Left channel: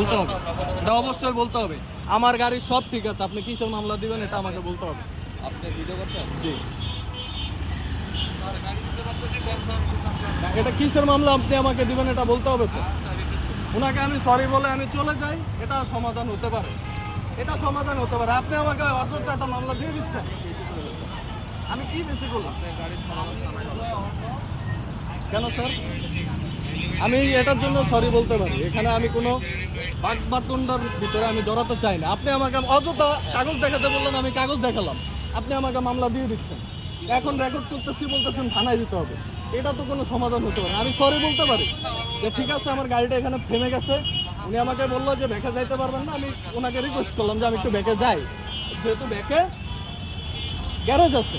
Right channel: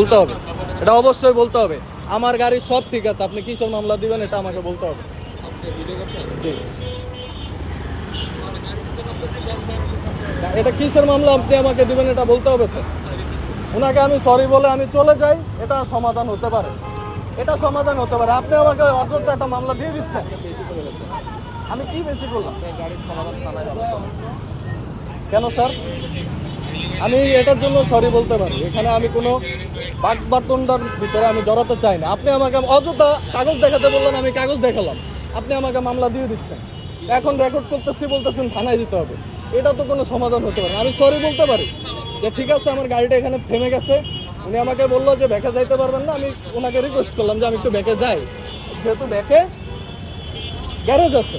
বলতে হবে, এটা অবশ্যই বলতে হবে। আমার গাড়ির সব ঠিক আছে, আপনি কিসের মামলা দিবেন এটা আমাকে বলতে হবে। আপনি ভিডিও করছেন? জি, না এটা কিসের মামলা আপনি আমাকে দিবেন এটা বলতে হবে তো। ওনাকে আমি সরি বলে আমি চলে যাই, এটা সমাধান হতে পারে, এটা সমাধান হতে পারে। আপনি আমাকে অযথা একটা মামলা দিয়ে দিচ্ছেন। বেশি করে দিচ্ছেন। আমি কি বেশি করলাম? আপনার গাড়ির সমাধান থানায় হবে। কেন স্যার? আমি এটার জন্য সরি বলতে পারি, এখানে আমি কোনো বাকবাটন্ডার ভিতরে আমি জড়াতে চাই না। আপনি আমাকে অযথা কাগজ দেখাতে বললেন, আমি কাগজ দেখালাম, আপনি আমাকে মামলা দিয়ে দিচ্ছেন। এখন রেকর্ড করতেছি বলতেছেন থানায় দিতে হবে, এটা তো কোনো সমাধান হতে পারে না। আমি সরি বলতে পারি যে ঠিক আছে আমার গাড়িটা এখানে থেমে গেছে, উনি আমাকে বললো যে ব্যাকে যাইতে পারবেন না, আমি ওনাকে রিকোয়েস্ট করলাম যে আমি একটু ব্যাকে যাই, যেহেতু ব্যাকে গ্যারেজ আছে।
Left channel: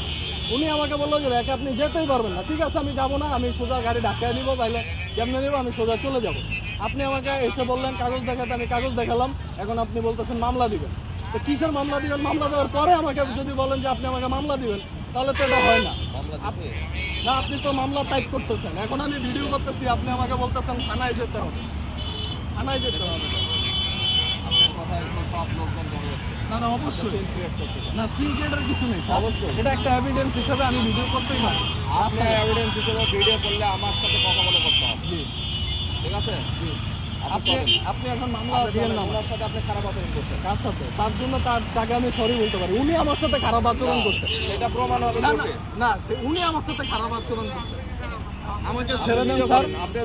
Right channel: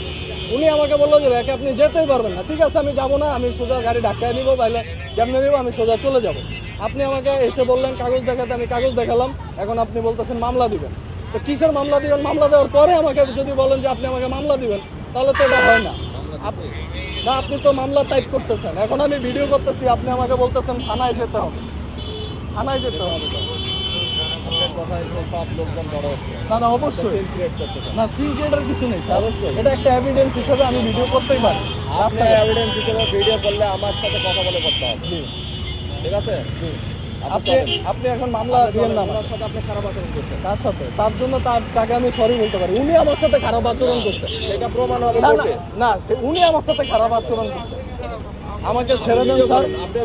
উনি আমাকে বললো যে ব্যাকে আপনি যেতেই পারবেন না। ঠিক আছে আমি যাবো না, আমি সোজা গাড়ি ধাক্কায় নিবো, বাইলে যেমনি নিবো আমি সোজা চলে যাব। আপনি আমাকে এসে বললেন কাগজ দেখাতে, আমি কাগজ দেখালাম, এখন আপনি বলতেছেন মামলা দিবেন। তো কিসের মামলা দিবেন? মামলা দেওয়ার পরে আমাকে যদি বলেন যে আপনি আমাকে মামলা দিবেন, তাহলে তো এটা হয় না। না আপনি তো মামলা টাইপ করতেছেন, এখন আমি ভিডিও করতেছি, আপনি আমাকে বলতেছেন থানায় যেতে হবে, থানায় যেতে হবে। আপনার কথায় তো সব লোকজন বড় হচ্ছে। না না অবশ্যই ক্রিয়েট করতে চান। না, সিক্রেটের কিছু নেই স্যার। অবশ্যই। এটা একটা এভিডেন্স হিসেবে আমি ভিডিও করতেই পারি আপনি রাস্তায়। এভিডেন্স হিসেবে ভিডিও করলে আমার সাথে কথা বলে করতে হবে। জি ঠিক আছে? জি। আপনি আপনি আপনি এখন মামলা দিয়েন না ওনার সাথে আপনি খারাপ আচরণ করছেন। তার সাথে, তার জন্য তাকে আমি সরি বলতে পারি। উনি আমার সাথে খারাপ আচরণ করছে, সেটা প্রমাণ হবে না না কোর্টে। না, উনি আমার সাথে খারাপ আচরণ করছে, আমাকে ছেড়ে দেন স্যার। আপনি